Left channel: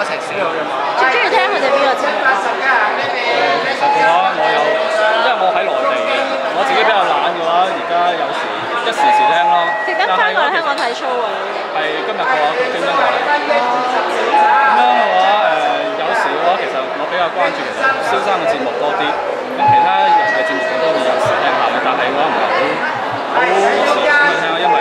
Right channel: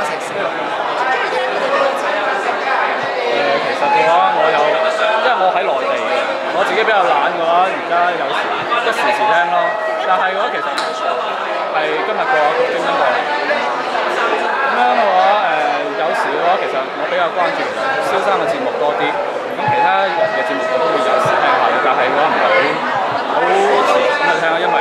一齊寫。最中意聽佢哋邊個節目？其實嘅話，因為我喺內地嘅，我自己比較懶嘅話，而家有時一時時聽咯。但係嘅話，其實睇 show 啊，係今日嘅話，佢專登過嚟。咁樣嘅話，有時嘅話，其實我比較關注其實蕭生嘅節目多啲。咁其他人嘅節目我都會有時聽下嘅，但係嘅話唔係好持續咁去聽，因為